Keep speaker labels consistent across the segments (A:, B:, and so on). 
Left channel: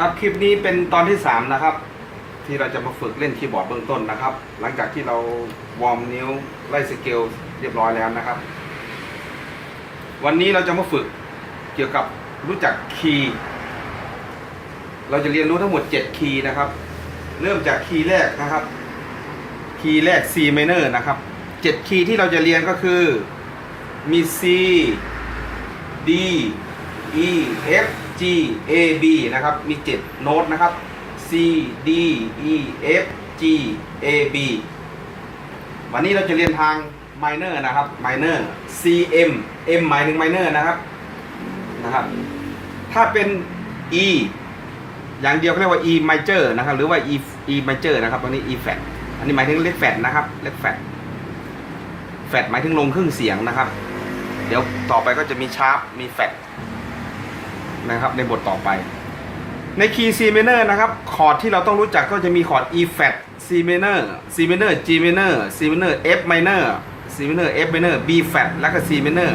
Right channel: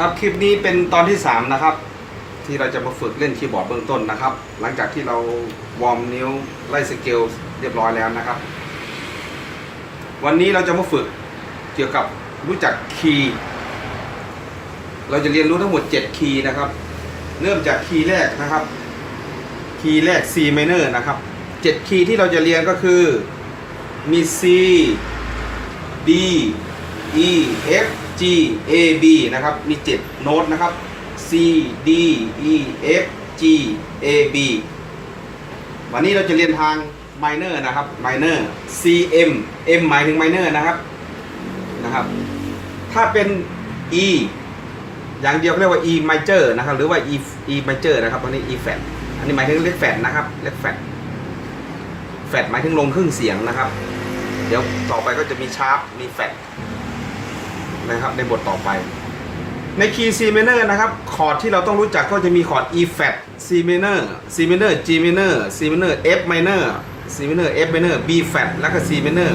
A: ครับคลิปนี้เป็นตอนที่ 3 นะครับ ที่เราจะมาฝึกเล่นคีย์บอร์ดเบื้องต้นนะครับ หลังจากที่เราวอร์มนิ้วไล่สเกลเรียบร้อยแล้วนะครับ วันนี้เราจะมาฝึกเกี่ยวกับรู้จักคีย์เราจะเรียนรู้ทั้งหมด 7 คีย์นะครับ เริ่มจากคีย์แรกนะครับ คีย์แรก C minor นะครับ 7 คีย์ที่เราจะเรียนก็คือมี C D E F G A B นะครับ มี 7 โน้ตนะครับ C D E F G A B วันนี้เราจะเรียนทาง minor นะครับ minor C M M หมายถึง minor นะครับ นะครับ ถ้าเป็น E อย่างเดียวเรียกว่า E major นะครับ หรือว่า E E major นะครับตัวนี้ E flat อันนี้หมายถึงเล็กแฟดนะครับ เล็กแฟดแฟดหมายถึงลงครึ่งเสียงนะครับ เดี๋ยวต่อไปก็จะมีชาร์ปมีแฟด นะครับในบทต่อไป ในคีย์ C minor นะครับคอร์ดที่เราต้องรู้จักก็จะมีคอร์ด E flat C minor C minor G minor C minor F minor C minor F minor B flat แล้วก็ C minor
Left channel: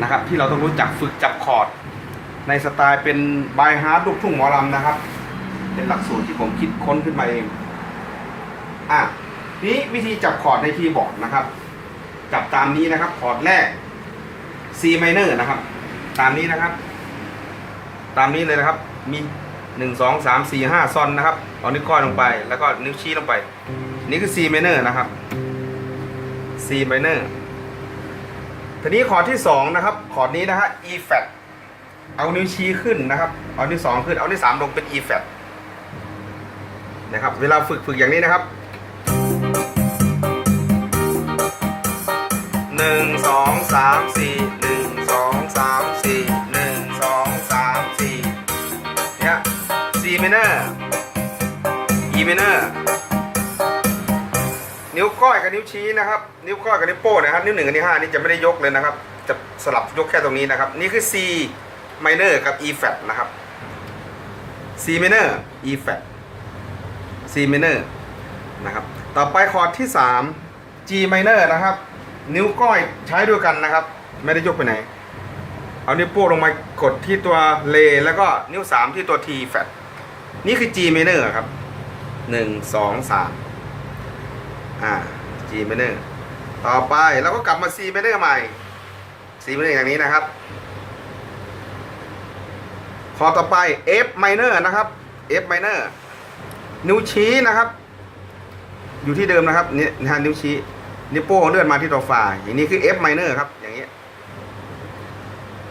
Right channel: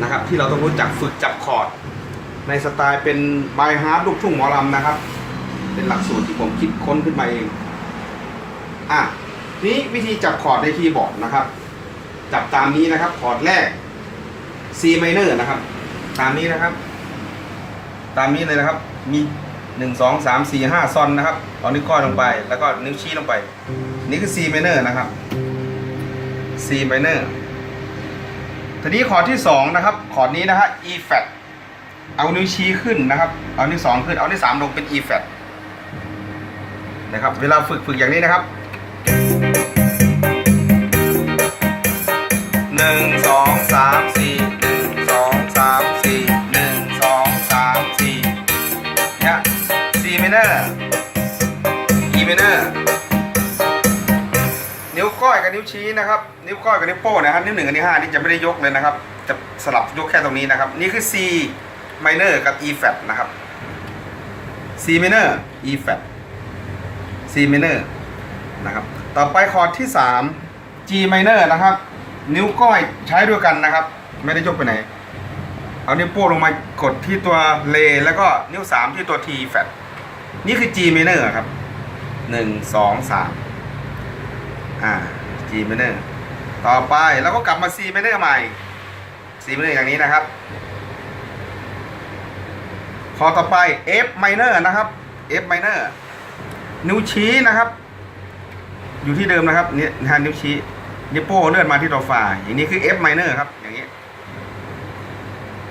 A: นะครับที่เราต้องรู้จักฝึกจับคอร์ดในสไตล์เป็นบายฮาร์ดลูกทุ่งหมอลำนะครับ เป็นหลักสูตรที่ผมคิดค้นขึ้นมาเองอะนี้วิธีจับคอร์ดในคีย์บอร์ดนะครับ จับตามนี้นะครับคอร์ดแรก C minor นะครับ ตามนี้นะครับ ตามนี้เลยนะครับ มีหนึ่งสองสามสี่ห้าซอนนะครับเอานิ้วก้อยลงไป แล้วก็นิ้วชี้ลงไป นี่คือ C minor นะครับ C minor ทีนี้คอร์ดที่สองนะครับคอร์ดนี้นะฮะ E flat เอานิ้วชี้ขึ้นนะครับ เอานิ้วสองขึ้น เอานิ้วสามลงเป็น E flat นะครับ เวลาฝึกฝึกอย่างนี้นะครับ กับนิ้วชี้นะครับ นิ้วก้อยกับนิ้วโป้งนะครับ นิ้วหนึ่งกับนิ้วห้านี่จะไม่ได้ยกเลยนะครับ จะสลับยกแค่ตรงนี้นะครับ นี่คือ C minor กับ E flat นะครับ C minor E flat C minor นะครับ ต่อไปคอร์ดที่ 3 G minor นะครับ นิ้วก้อยใช้ด้วยกันนะครับ ไม่ได้ยกไปไหน เอานิ้วโป้งลงมากดที่ตัวเลแล้วก็นิ้ว 3 ที่ตัว T flat นี่คือ G minor ครับ 1 2 3อ่า G minor ต่อไปเราก็กลับมา C minor ใหม่ C minor อย่างนี้นะครับ คอต่อไป F minor นะครับ F minor นิ้วชี้นะครับ อยู่ที่เดิมนะครับนี่นะนิ้วชี้นิ้วโป้งเลื่อนมาที่ตัวฝ่าอย่างนี้คือ F minor ครับอย่างนี้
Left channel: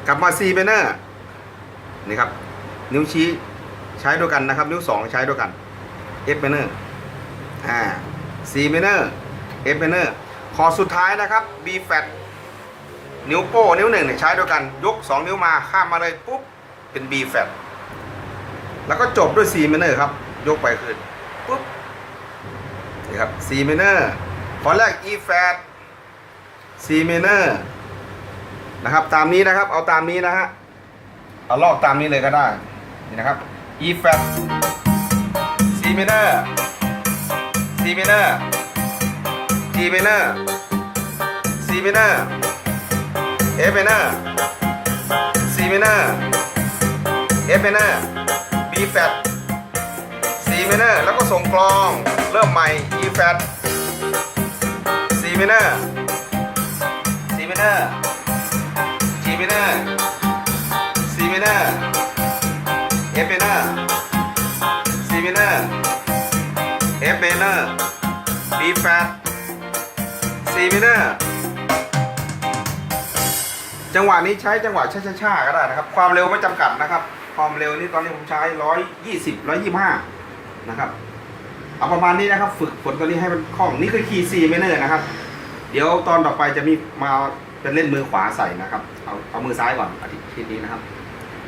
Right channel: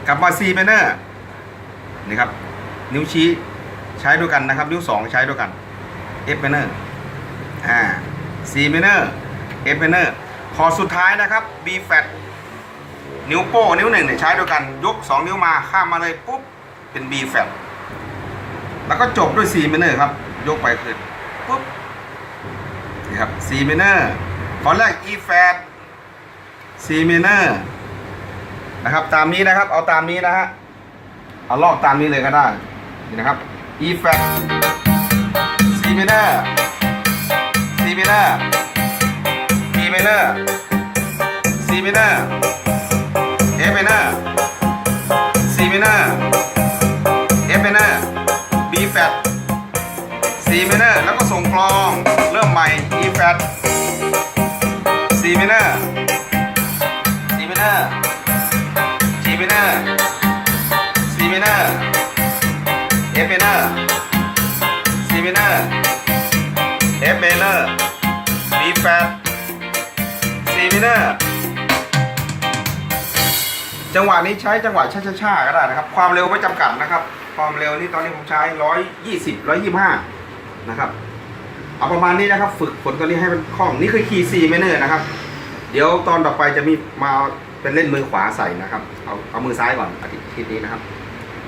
A: กลับมา C minor นี่ครับ นิ้วชี้ใช้ด้วยกันนะครับ นิ้วสองใช้ด้วยกัน F minor อ่า C minor F minor คอสุดท้ายนะครับ B flat นิ้วโป้นิ้วหนึ่งเนี่ยใช้ด้วยกันยกสองนิ้วมาข้ามมาเลยปุ๊บ เป็น B flat แล้วก็จบด้วย C minor ครับ ยกไปคือปุ๊บนี่ครับ C minor ขอแรก E flat C minor นะครับตามนี้นะครับเอาตามนี้นะฮะเอาลอกตามนี้เลยก็ได้นี่นะครับ E flat ริ่มใหม่ E flat C minor C minor G minor C minor F minor C minor F minor B flat C minor จังหวะนี้ใช้จังหวะช้าๆก็ได้นะครับ ความเร็วไม่จำกัดนะครับ ความเร็วนี่ตอนนี้ผมใช้ 120 125 นะครับ เอาประมาณนี้นะครับ ฝึกฝนตัวนี้ให้มันคล่องนี่คือคีย์ซีเมเนอร์นะครับ เดี๋ยวตอนต่อไปจะมีมาเป็นเล่นมือขวาใส่นะครับ เอาเอามือซ้ายก่อนอาทิตย์นี้นะครับ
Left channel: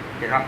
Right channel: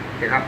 A: โอเคครับ